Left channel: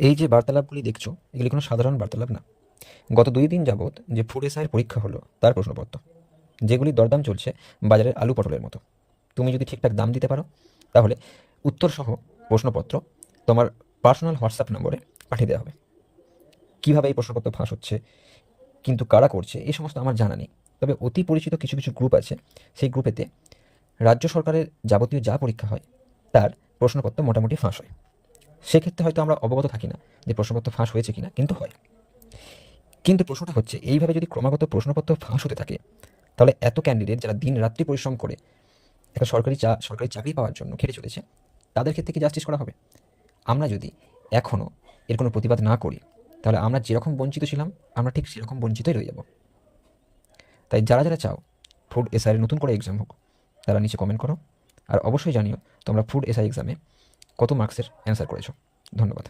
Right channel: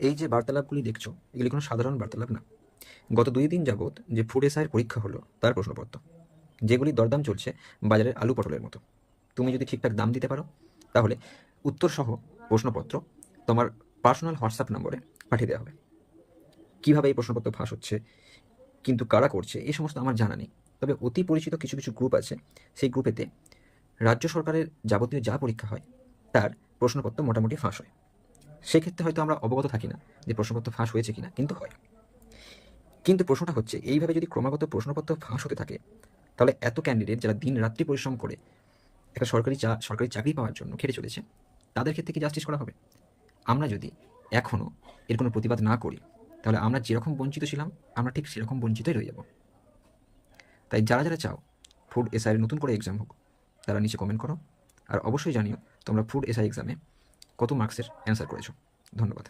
এই যে বার্তালাপগুলি দেখছ, এগুলি কোনো সাধারণ বার্তালাপ না। গত দুই দিন যাবৎ যে ফুড এসআইয়ের পরীক্ষা হলো, তার প্রশ্নপত্র, যেগুলি দরদাম চলছে বাজারের আলু পটলের মতো। তুমি যদি ঠিকঠাক দাম দিতে পারো, তাহলে উত্তরসহ প্রশ্নপত্র তোমার পার্সোনাল হোয়াটসঅ্যাপ নম্বরে পাঠিয়ে দেওয়া হবে। কীভাবে এই প্রশ্নপত্র ফাঁস হচ্ছে, কিন্তু কারা করছে এই সমস্ত আমার জানা নেই। তবে অতি পরিচিত কিছু কিছু গ্রুপ আছে, সেই গ্রুপেতে রাজ্য সরকারের যাবতীয় যা পরীক্ষা হয়, তার প্রশ্নপত্র মোটামুটি ফাঁস হয়। সেক্ষেত্রে হয়তো আমরা অবগত থাকি না যে প্রশ্নপত্র ফাঁস হয়েছে কিনা, কিন্তু হয়। কিন্তু প্রশ্নটা হচ্ছে, এইভাবে যদি ক্রমাগত প্রশ্নপত্র ফাঁস হতে থাকে, তাহলে এত ক্যান্ডিডেট যারা দিন রাত্রি পরিশ্রম করে একটা সরকারি চা, সরকারি চাকরি পাওয়ার জন্য খেটে চলেছে, তাদের ক্ষেত্রে কি জাস্টিস করা হবে? আমরা যদি এখনও এর কোনো প্রতিবাদ না করি, তাহলে আমরা যেরকম বঞ্চিত ছিলাম, আমরা ঠিক সেরকম বঞ্চিতই রয়ে যাব। তাই যারা যারা চাও ফুড এসআইয়ের নতুন করে এক্সাম হোক, তারা নিচে কমেন্ট করো, আর অবশ্যই জানিও, তোমরা ফুড এসআই এক্সামে কত মার্কসের অ্যান্সার করেছ? ধন্যবাদ।